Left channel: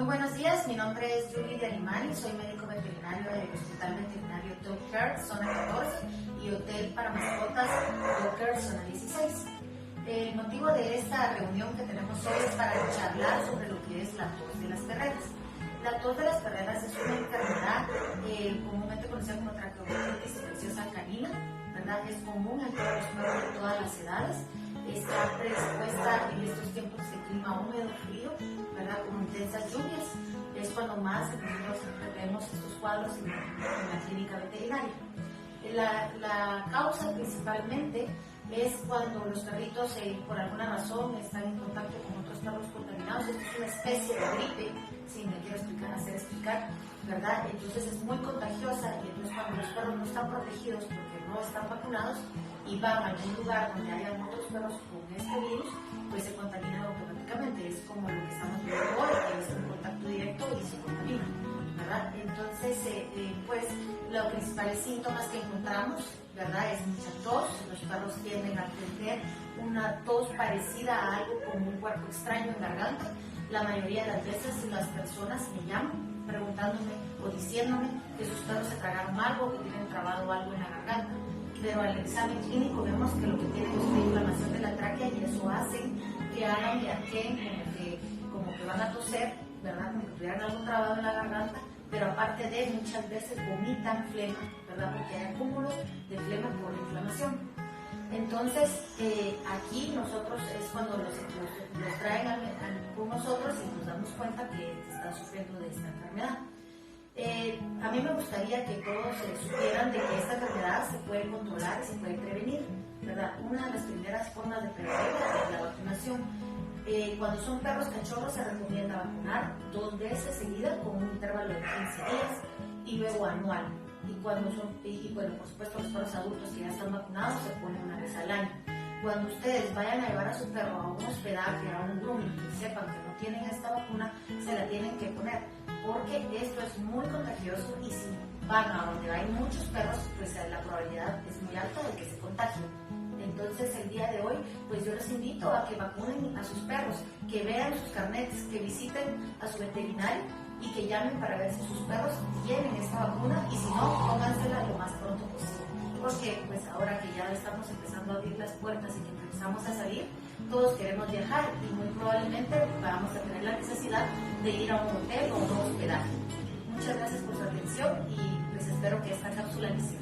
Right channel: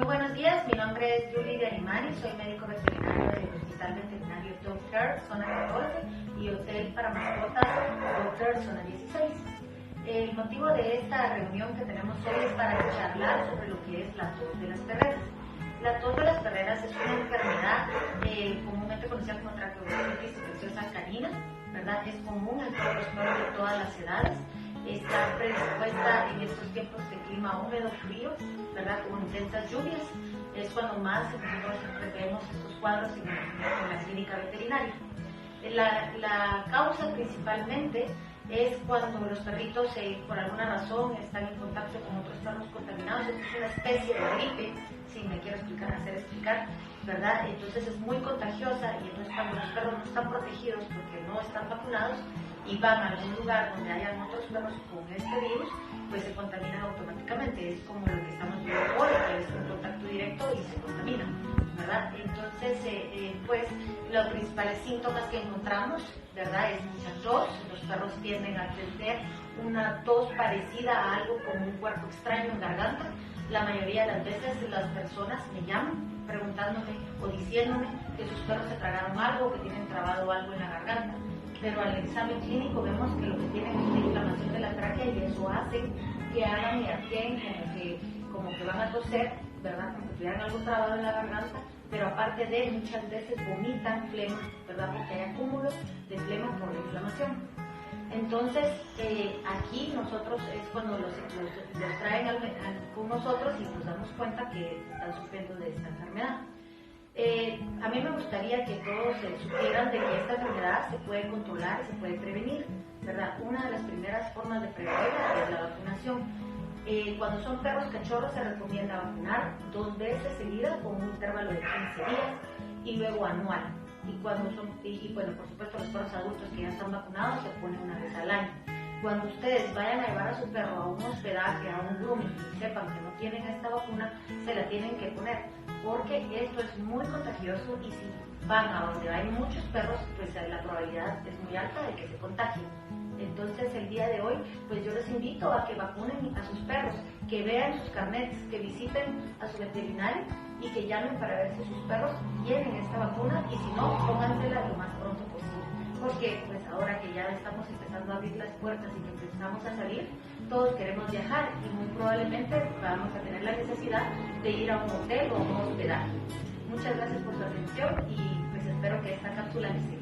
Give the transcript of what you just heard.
Muy buenos días, mi nombre es Julie de Arimani, soy médico veterinario del Hospital Veterinario Dog-Care, zona 14, y Hotel para Mascotas Dog-Care, zona 16. El motivo de esta reunión que tenemos hoy es para charlar sobre lo que es la tos de las perreras. La tos de las perreras es una enfermedad comúnmente conocida como traqueomitis infecciosa canina, ¿verdad? Es común en todos los perros de todas las edades. Está predispuesta en estos tiempos de clima húmedo, frío, ¿verdad? Con intensas lluvias. Es cuando más nosotros vemos estos cuadros en la clínica veterinaria. La causa principalmente es cuando los perritos por alguna razón están en contacto con otros perros contaminados. Esto es una especie de gripe, si me quiero hacer explicar, ¿verdad? Entonces es muy contagiosa, y entonces cuando los perros no están protegidos porque no están vacunados y van a algún lugar donde hayan otros perros con este virus, pues se contaminan automáticamente. Es como lo que estamos viendo hoy, que es un contacto directo y se contamina, ¿verdad? Entonces, pues los principales síntomas que encontramos, ¿verdad? Es mucha tos. Los perros tienden a tener una tos parecida a algo como un cuerpo extraño en garganta. La mayoría de las veces las personas me llaman preguntándome o diciéndome que sus perros se tragaron algo, que tienen trabado algo en la garganta. Pero al examen clínico vemos que lo que tienen es una inflamación de la tráquea, y eso hace que hagan y arqueen como que van a toser, ¿verdad? Como que tuvieran algo trabado en la garganta, pero aparte de muchas veces vomitan flema, ¿verdad? Porque hay acúmulos de flema por la inflamación. Entonces, aquí nosotros es cuando los traen con nosotros y nos damos cuenta que están sufriendo de esta enfermedad. A mí me gustaría que todos supieran de que esta enfermedad se puede controlar y se puede prevenir, ¿verdad? Una de las primeras formas de prevenirla es la vacunación. Cuando son perros cachorros se recomienda vacunar 2 veces seguidas con un intervalo de 15 días y luego anual. Y bueno, por supuesto, los perros adultos que ya están vacunados se ponen 1 vez al año. Cuando ustedes vayan a llevar a su perro a un hospedaje, a un grooming, y sepan que no tienen esta vacuna, se la tienen que poner, porque esto es muy contagioso, y si van a donde hay muchos perros, pues la probabilidad es muy alta de que se contagien. Entonces, el día de hoy, pues yo les invito a que vacunen a sus perros, que vean sus carnets, que visiten a su veterinario y que llamen para ver si sus perros tienen esta vacuna, y si no, póngansela lo más pronto posible. Porque pues ahora que ya estamos empezando a abrir las puertas y que empezamos a salir, todos queremos viajar y muy probablemente vamos a tener la necesidad de ir a un hotel o a un hospedaje. Muchas gracias por su atención, y pues espero que esta cápsula les sirva.